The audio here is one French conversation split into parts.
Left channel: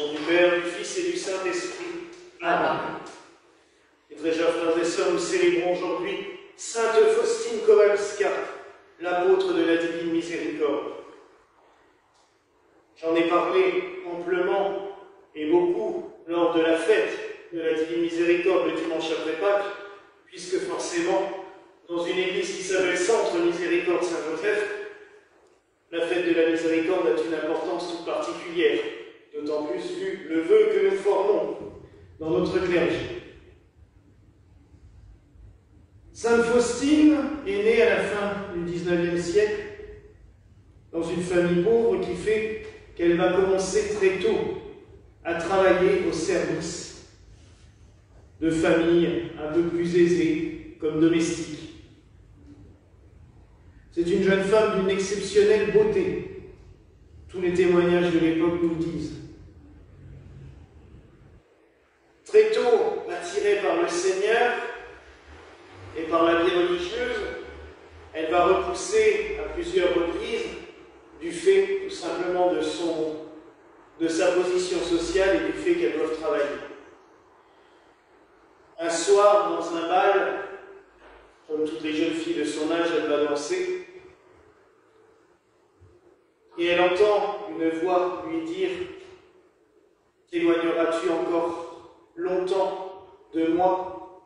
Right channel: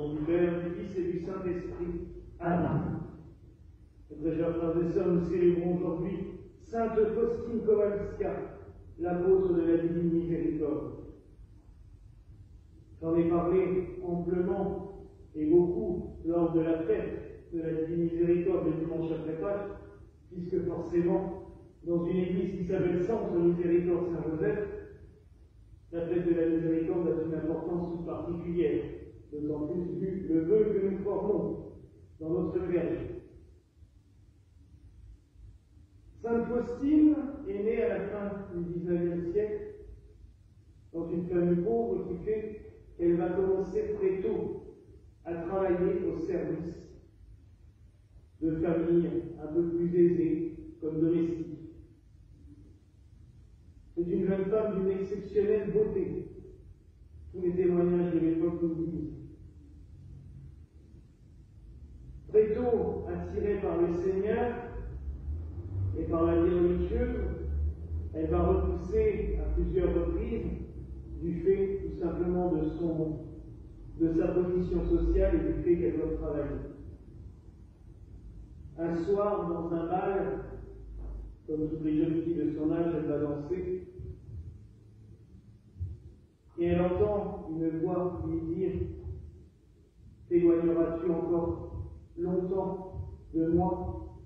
nom du Père, du Fils et du Saint-Esprit. Amen. Et très chers frères et sœurs, nous célébrons aujourd'hui Sainte Faustine Kowalska, l'apôtre de la Divine Miséricorde. J'en ai parlé amplement et beaucoup lors de la fête de la Divine Miséricorde le dimanche après Pâques, puisque forcément, dans une église qui s'appelle Centre Miséricorde Saint-Joseph, la fête de la Miséricorde a une importance toute particulière, d'autant plus vu le vœu que nous formons dans notre clergé. Sainte Faustine est née à la fin du XIXe siècle dans une famille pauvre qui fait qu'elle va commencer très tôt à travailler au service de familles un peu plus aisées comme domestiques. C'est une jeune femme d'une exceptionnelle beauté. Tous les témoignages de l'époque nous le disent. Très tôt attirée par le Seigneur et par la vie religieuse, elle va repousser à plusieurs reprises du fait tout simplement de sa position sociale et du fait qu'elle doit travailler. Un soir, dans un bal, comme toutes les jeunes filles de son âge, elle va danser. Et elle entend une voix lui dire « T'éloigneras-tu encore longtemps de moi?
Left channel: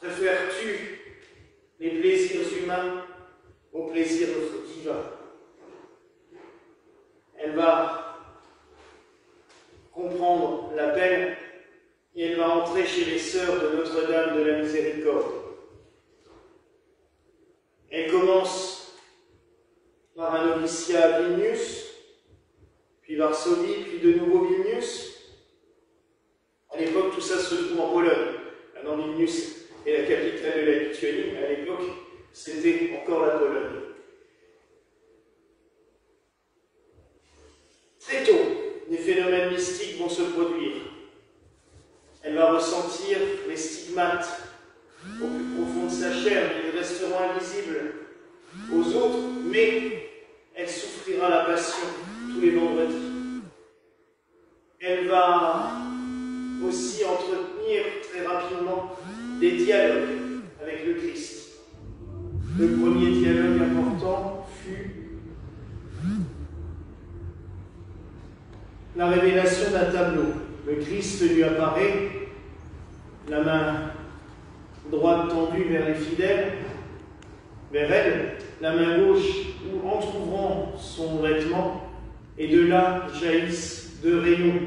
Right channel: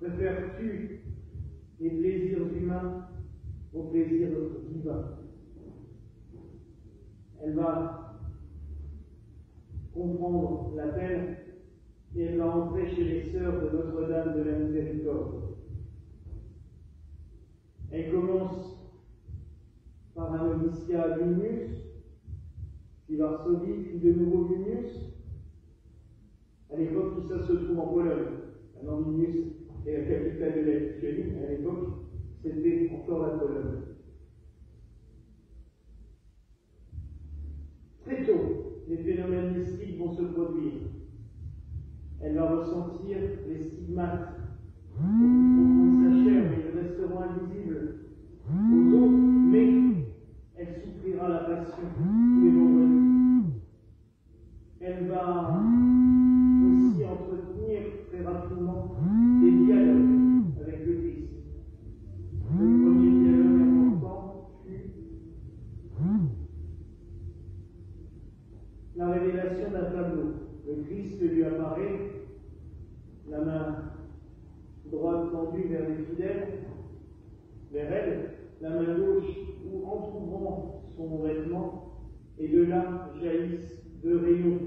Préfères-tu les plaisirs humains aux plaisirs divins ?» Elle va comprendre l'appel et elle va entrer chez les sœurs de Notre-Dame de la Miséricorde. Elle commence par un noviciat à Vilnius, puis Varsovie, puis de nouveau Vilnius. À l'époque, tout ça se trouve en Pologne. Maintenant, Vilnius est la capitale de la Lituanie. À l'époque, c'était encore la Pologne. Très tôt, des phénomènes mystiques vont se produire. Elle va ressentir les stigmates au plus profond de sa chair. Ils resteront invisibles aux autres, mais elle souffrira la passion tous les vendredis. Elle va aussi entretenir très rapidement des dialogues avec le Christ. Le premier dialogue important fut la révélation d'un tableau. Le Christ lui apparaît, la main droite tendue vers les fidèles, vers elle, la main gauche entr'ouvrant son vêtement, et de là jaillissent deux rayons,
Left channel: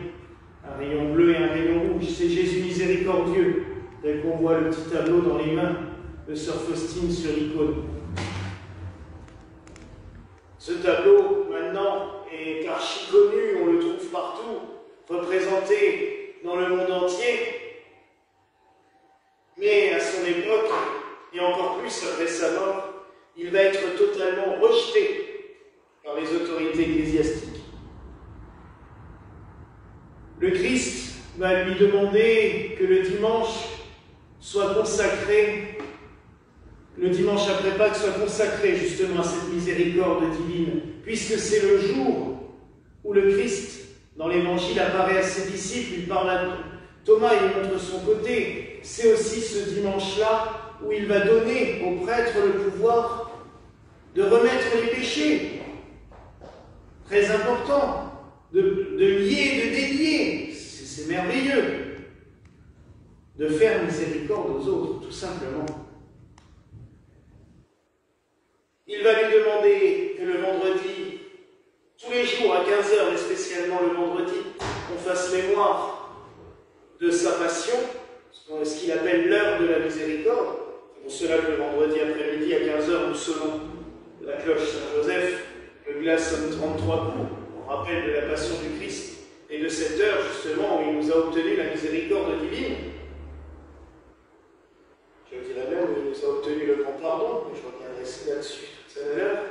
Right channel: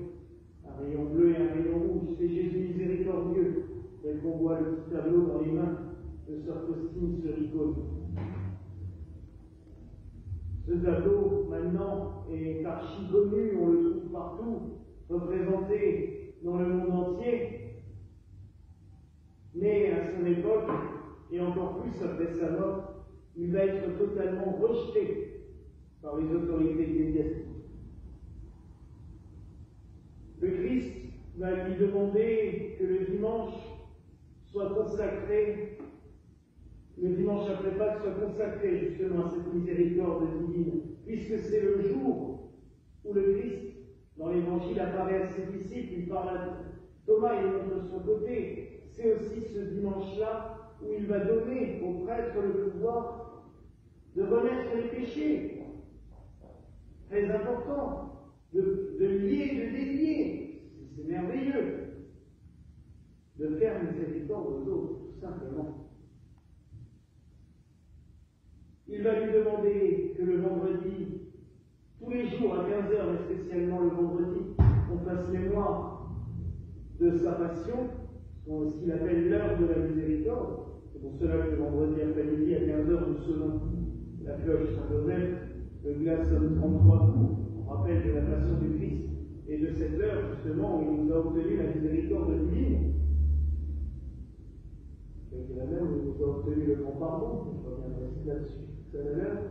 un rayon bleu et un rayon rouge. C'est Jésus miséricordieux, tel qu'on voit le petit tableau dans les mains de sœur Faustine sur l'icône. Ce tableau, maintenant, est archi connu, on le trouve partout, représenté dans le monde entier. Mais à son époque, et encore plus après sa mort, il va être totalement rejeté par les autorités ecclésiastiques. Le Christ va lui demander que le dimanche soit consacré, le dimanche après Pâques soit consacré justement à cette miséricorde divine, puisque c'est le jour où le Christ, dans l'Évangile, apparaît à ses disciples, il parle à Thomas, il montre son côté. C'est aussi ce dimanche-là où il va donner aux prêtres le pouvoir de remettre les péchés. Très important, de lier, de délier. C'est merveilleux. De faire miséricorde aux autres, tout simplement. Il va lui demander que le vendredi, tous les jours à 15h, et spécialement le vendredi, on fasse mémoire de sa passion, ce qu'il appelle l'heure de la miséricorde. C'est pour cela que le vendredi après-midi à 15h, nous sonnons la cloche Saint-Joseph, le glas sonne 33 coups, en rappel de la passion du Christ, et de cette heure justement où il nous a obtenu la miséricorde divine. Je dirais même où il nous a obtenu le grand pardon, mais je reviendrai là-dessus tout à l'heure.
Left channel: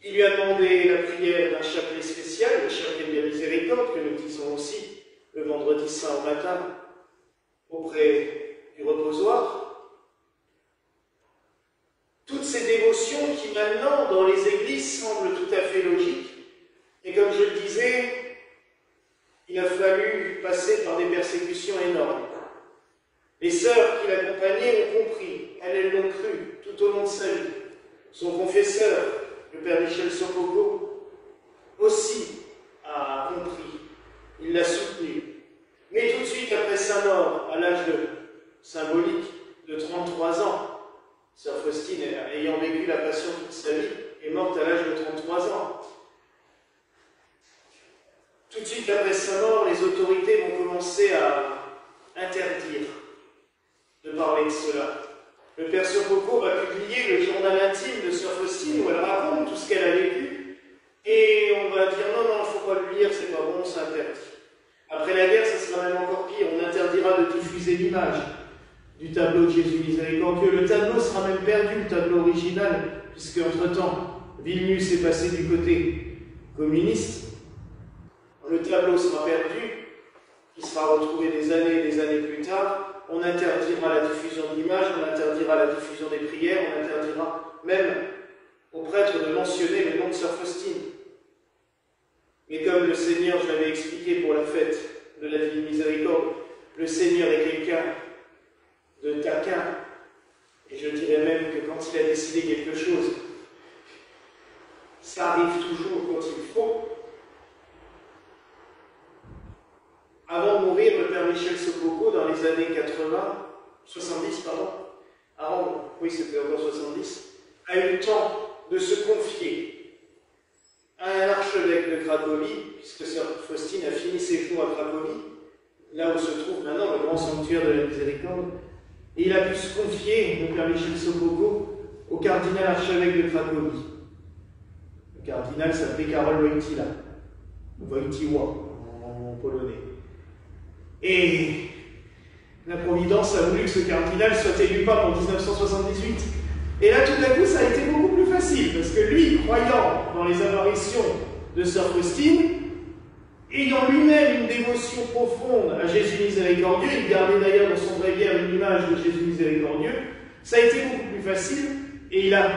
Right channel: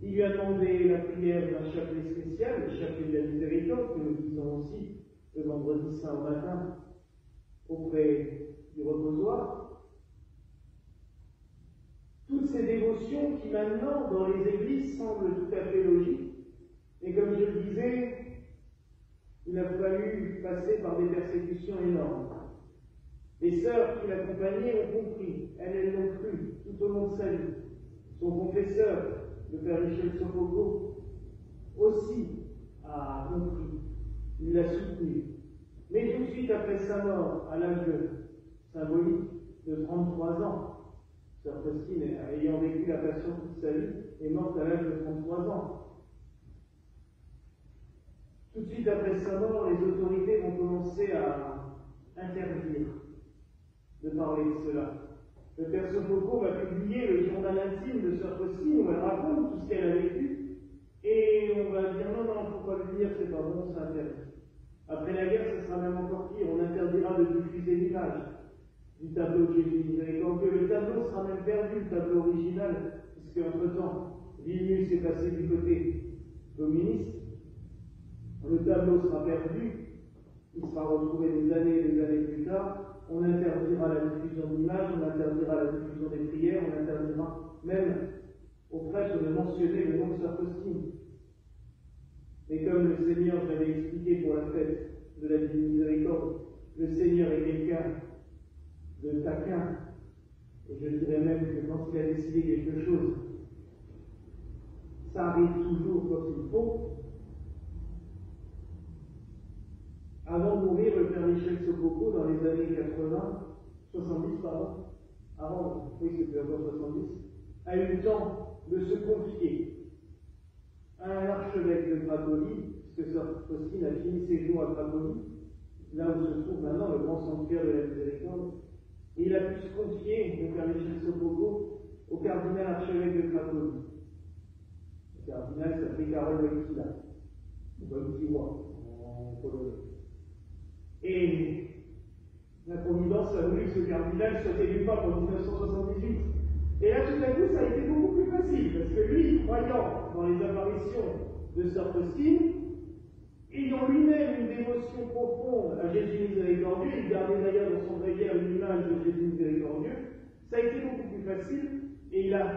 Il lui a demandé la prière d'un chapelet spécial, le chapelet de la miséricorde, que nous disons aussi le vendredi saint au matin auprès du reposoir. Toutes ces dévotions qui maintenant, dans les églises, semblent tout à fait logiques. Et comme je le disais, il a fallu passer par des persécutions énormes. Les sœurs qui l'accompagnaient ont compris, elles l'ont cru tout au long de sa vie. Son confesseur, le père Michel Sopoco, aussi a compris, il l'a soutenu. Mais tout de suite après sa mort, à l'âge symbolique de 33 ans, sœur Faustine, ayant vécu la Passion toute sa vie, est morte à l'âge de 33 ans. Tout de suite après sa mort, les autorités vont commencer à interdire de parler de cela. Le père Sopoco va publier le journal intime de sœur Faustine où elle raconte tout ce qu'elle a vécu et on va dire non, il ne faut pas le lire, c'est pas bon, c'est interdit. Après la guerre, ça sera même encore pire, on interdira de diffuser l'image du tableau de Jésus miséricordieux. Le tableau sera même perdu, le tableau original, puisque entre-temps, Vilnius est passé du côté communiste. Le tableau sera perdu, il sera retrouvé des années plus tard. On interdira la diffusion de l'image, on interdira la diffusion des prières, on interdira même aux prêtres de mentionner le nom de sœur Faustine. Mais comme le Seigneur, je l'avais expliqué pour la fête de la Divine Miséricorde, le Seigneur est quelqu'un de taquin, et je dirais même que quand il a décidé quelque chose, ça arrive toujours quand il faut. Avant de mourir, le père Michel Sopoco, dans les années 70, oui c'était encore 70, a eu le temps de se confier à un archevêque de Cracovie, puisque sœur Faustine a fini ses jours à Cracovie, là où se trouve maintenant le grand sanctuaire de la Miséricorde, et il a pu se confier, le père Michel Sopoco, au cardinal archevêque de Cracovie. Le cardinal s'appelait Karol Wojtyła, en polonais. Et la Providence a voulu que ce cardinal soit élu pape en 1978. Et là, tout à coup, ça a été beaucoup plus facile, parce que lui, croyant dans les apparitions de sœur Faustine, ayant lui-même une dévotion profonde à Jésus miséricordieux, il gardait d'ailleurs dans son bréviaire une image de Jésus miséricordieux, ça a été beaucoup plus facile, et il a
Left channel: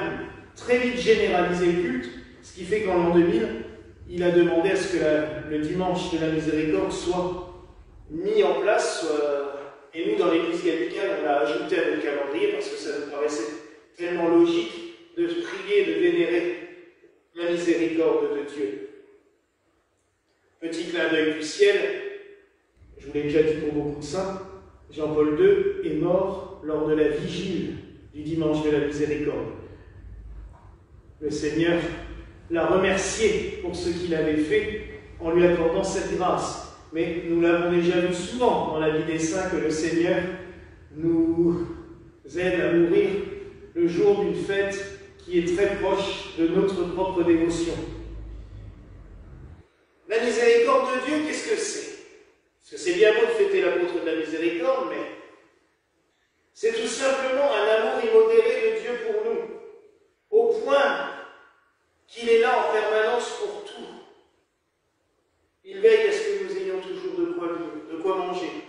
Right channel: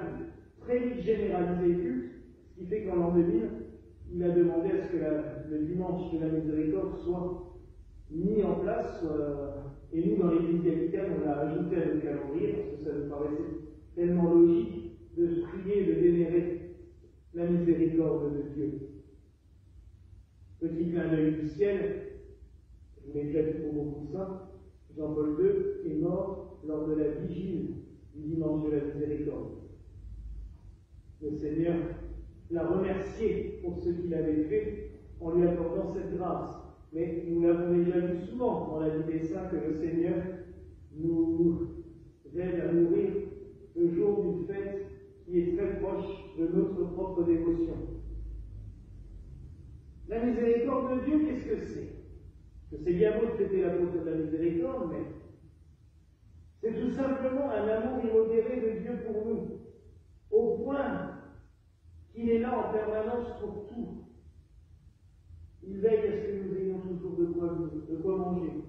très vite généralisé le culte, ce qui fait qu'en l'an 2000, il a demandé à ce que le dimanche de la miséricorde soit mis en place, et nous dans l'église gallicane on l'a ajouté à notre calendrier parce que ça nous paraissait tellement logique de prier, de vénérer la miséricorde de Dieu. Petit clin d'œil du ciel, je vous l'ai déjà dit pour beaucoup de saints, Jean-Paul II est mort lors de la vigile du dimanche de la miséricorde. Le Seigneur l'a remercié pour ce qu'il avait fait en lui accordant cette grâce. Mais nous l'avons déjà vu souvent dans la vie des saints que le Seigneur nous aide à mourir le jour d'une fête qui est très proche de notre propre dévotion. La miséricorde de Dieu, qu'est-ce que c'est? Parce que c'est bien beau de fêter l'apôtre de la miséricorde, mais c'est tout simplement un amour immodéré de Dieu pour nous, au point qu'il est là en permanence pour tout. Il veille à ce que nous ayons toujours de quoi vivre, de quoi manger.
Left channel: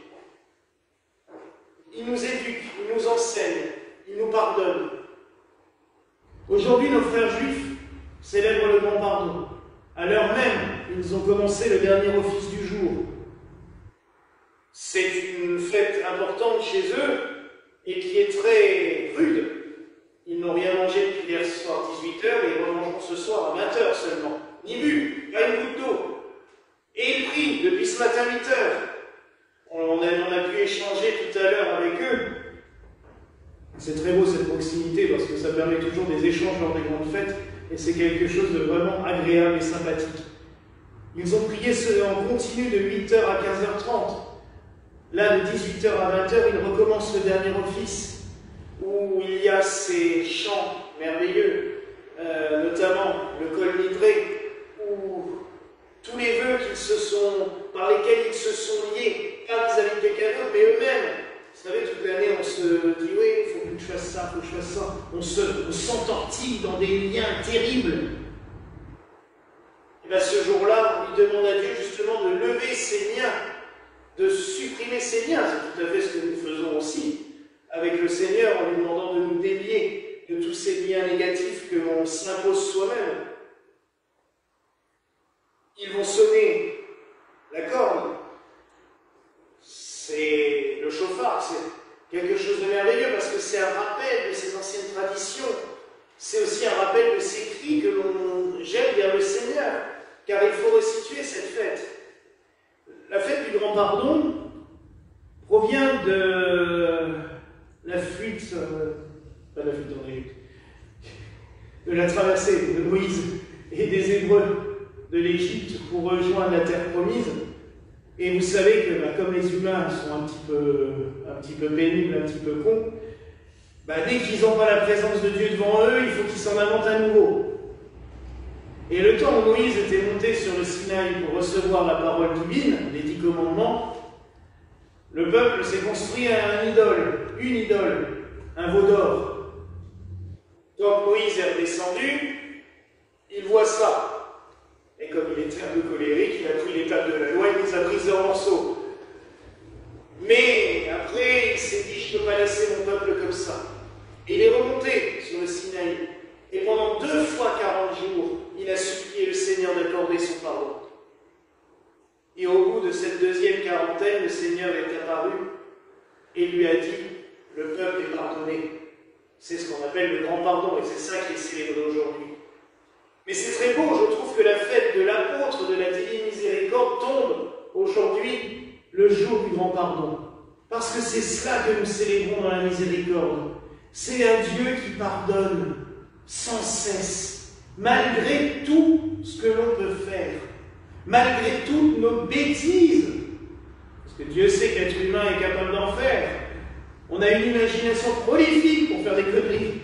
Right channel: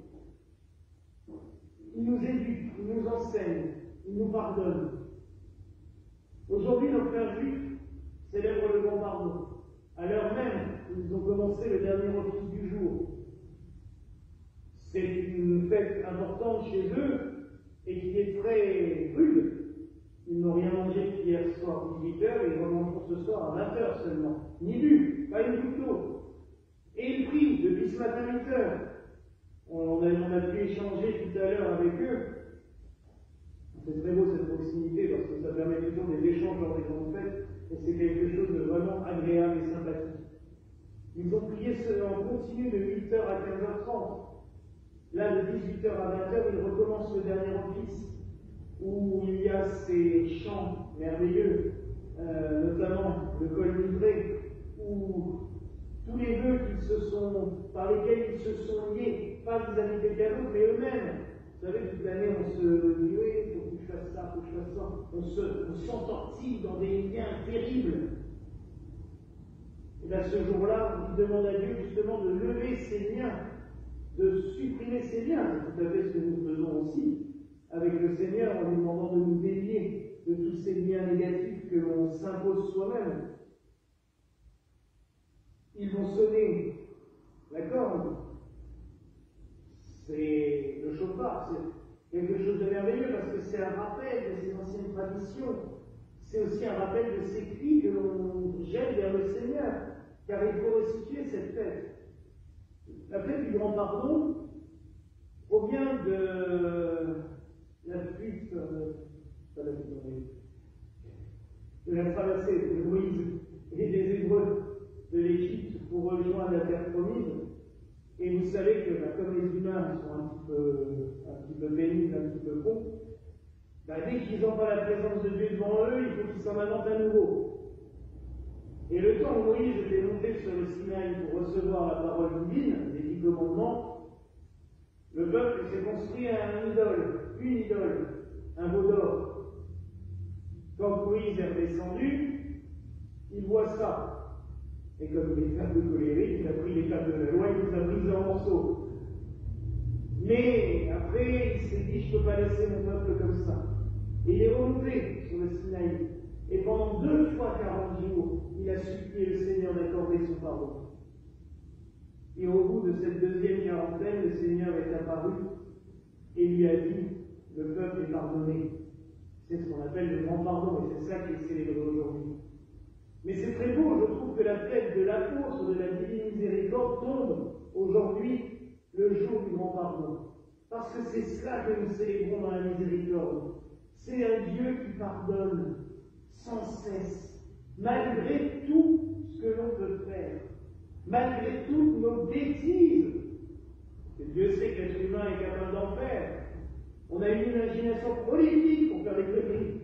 Il nous éduque, il nous enseigne, il nous pardonne. Aujourd'hui, nos frères juifs célèbrent le grand pardon. À l'heure même, ils ont commencé le dernier office du jour. C'est une fête importante chez eux et qui est très rude. Ils n'ont rien mangé depuis hier soir 18h et ils remangeront ce soir à 20h seulement. Ni bu, pas une goutte d'eau. Et ils prient depuis ce matin 8h. On a pu échanger tout à l'heure avec eux. C'est très beau cette proximité parce que ça permet toujours des échanges lors des grandes fêtes et c'est quelque chose de vraiment agréable et sympathique. Ils ont prié en continu de 8h à 15h30. Là, de 18h à 20h, ils recommencent le dernier office où il y a ces chants merveilleux, notamment le col livré, où tous les vœux par lesquels ils se sont liés, pas vis-à-vis de quelqu'un d'autre, mais eux-mêmes. Vous savez, toute l'année, on se dit, oui, il faut que je fasse ça, il faut que je fasse ça. On s'entortille dans des liens terribles. Et bien ce jour-là, il demande à Dieu justement de lever ces liens, de supprimer ces liens. C'est tout à fait ce que nous faisons aussi avec le Seigneur en lui demandant de nous délier de tous ces liens négatifs que l'on s'impose soi-même. Ils vont sonner la la corne. C'est le chauffard, c'est quelque chose de merveilleux parce que c'est un rappel de ces anciennes traditions. C'est aussi un rappel de ces cris que l'on jette vers le Seigneur, car il faut resituer cette fête. La fête du Grand Pardon provient de la fuite, pas la fuite en Égypte, de la traversée de Moïse et des Hébreux de l'Égypte pour rejoindre la terre promise. Et vous savez que comme les humains sont un petit peu pénibles, un petit peu cons, dès qu'ils n'ont pas la présence de Dieu devant eux, il faut qu'ils s'en inventent à nouveau. Et le temps où Moïse était monté sur le Sinaï pour recevoir la parole divine, les 10 commandements, le peuple s'est construit une idole, un veau d'or. Donc Moïse est redescendu, il voit ça. Et comme il était un peu colérique, il a pris les tables de la loi et les a prises en morceaux. Mais après, il s'est dit, je ne peux pas laisser mon peuple comme ça. Et il est remonté sur le Sinaï. Et pendant 2 fois 40 jours, il a supplié le Seigneur d'accorder son pardon. Et au bout de cette 2e quarantaine, le Seigneur est apparu et lui a dit, le peuple est pardonné. C'est ce qu'on appelle le grand pardon, et c'est ça qui est célébré aujourd'hui. Mais c'est très beau, je trouve que la fête de l'apôtre de la divine miséricorde tombe aujourd'hui le jour du grand pardon. Parce que c'est cela que nous célébrons dans la miséricorde. C'est un Dieu qui pardonne sans cesse, malgré tout ce que l'on peut faire, malgré toutes nos bêtises. Parce que Dieu sait que l'être humain est capable d'en faire. On a une imagination prolifique pour faire des conneries.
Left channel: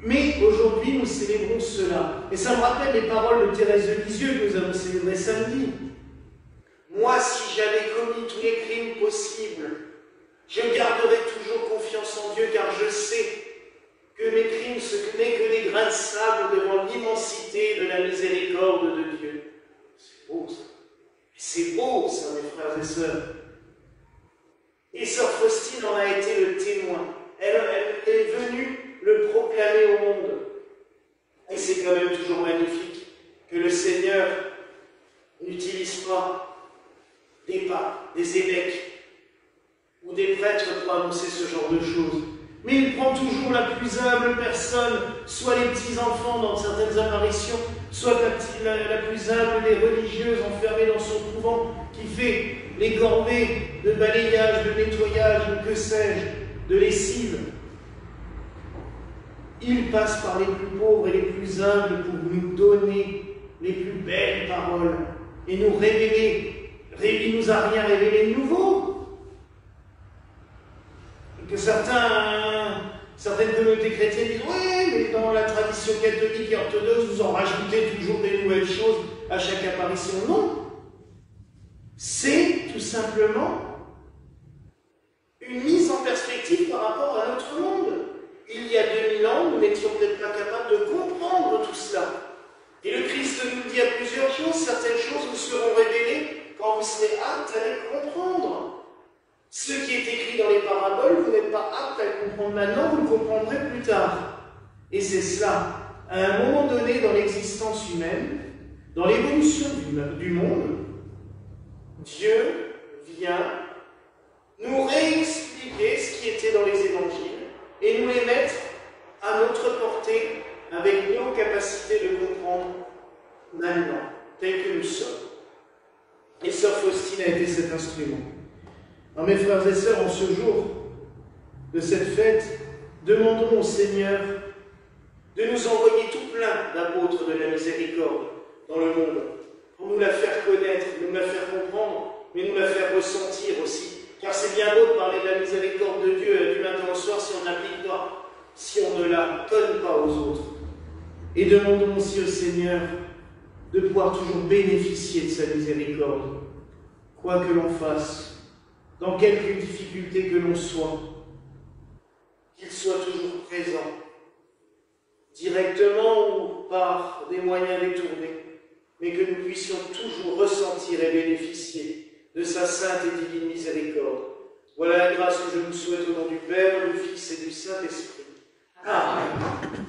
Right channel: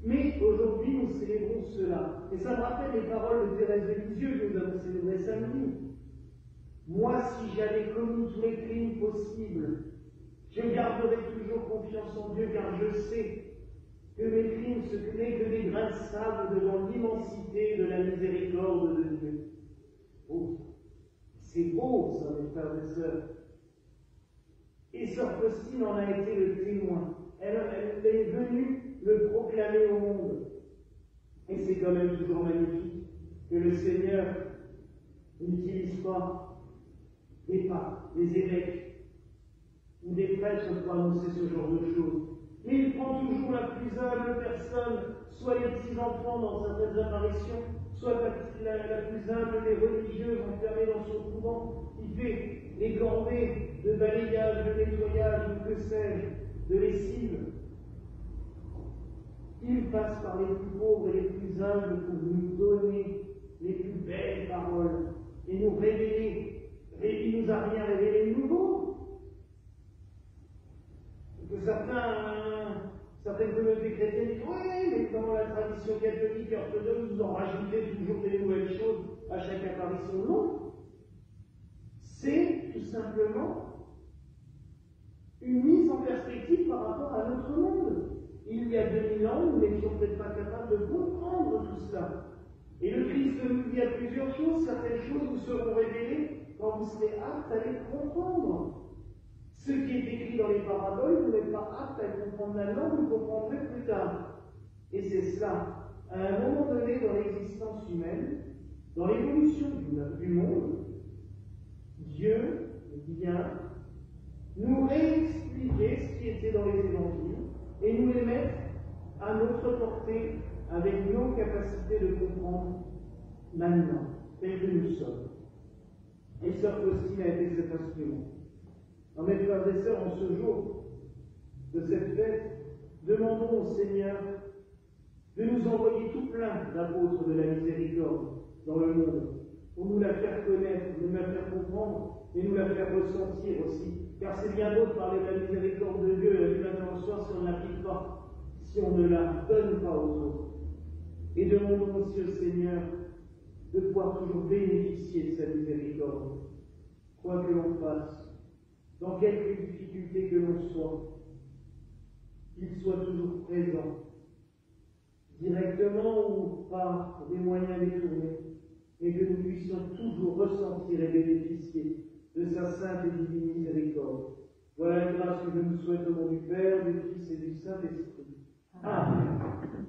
Mais aujourd'hui, nous célébrons cela. Et ça me rappelle les paroles de Thérèse de Lisieux que nous avons célébrées samedi. Moi, si j'avais commis tous les crimes possibles, je garderai toujours confiance en Dieu, car je sais que mes crimes, ce n'est que des grains de sable devant l'immensité de la miséricorde de Dieu. C'est beau, ça. C'est beau, ça, mes frères et sœurs. Et sœur Faustine en a été le témoin. Elle est venue le proclamer au monde. Et c'est quand même toujours magnifique que le Seigneur n'utilise pas des papes, des évêques ou des prêtres pour annoncer ce genre de choses. Mais il prend toujours la plus humble personne, soit les petits-enfants dans certaines apparitions, soit la plus humble des religieuses enfermées dans son couvent, qui fait les corvées de balayage, de nettoyage, ou que sais-je, de lessive. Il passe par les plus pauvres et les plus humbles pour nous donner les plus belles paroles et nous révéler. Il ne nous a rien révélé de nouveau. Que certaines communautés chrétiennes disent « Oui, mais dans la tradition catholique et orthodoxe, vous en rajoutez toujours des nouvelles choses à chaque apparition. » Non. C'est tout simplement une mise en perspective par rapport à notre monde. Il y a 2000 ans, nous n'étions peut-être pas capables de comprendre tout cela. Et le Christ nous dit à plusieurs choses, certaines choses vous seront révélées quand vous serez aptes à les comprendre. Ce qui est écrit dans les paraboles, vous n'êtes pas aptes à le comprendre maintenant, vous le comprendrez plus tard. Et c'est cela. À un moment donné dans l'existence humaine, dans l'évolution du monde, Dieu vient nous réexpliquer ce qui était dans les évangiles et nous les mettre à notre portée avec nos capacités de comprendre maintenant, tels que nous sommes. Et sœur Faustine a été cet instrument. Alors mes frères et sœurs, en ce jour de cette fête, demandons au Seigneur de nous envoyer tout plein d'apôtres de la miséricorde dans le monde, pour nous la faire connaître, nous la faire comprendre, mais nous la faire ressentir aussi. Car c'est bien beau de parler de la miséricorde de Dieu du matin au soir si on n'applique pas, si on ne la donne pas aux autres. Et demandons aussi au Seigneur de pouvoir toujours bénéficier de sa miséricorde, quoi que l'on fasse, dans quelque difficulté que l'on soit, qu'il soit toujours présent, directement ou par des moyens détournés, mais que nous puissions toujours ressentir et bénéficier de sa sainte et divine miséricorde. Voilà la grâce que je nous souhaite au nom du Père, du Fils et du Saint-Esprit. Amen.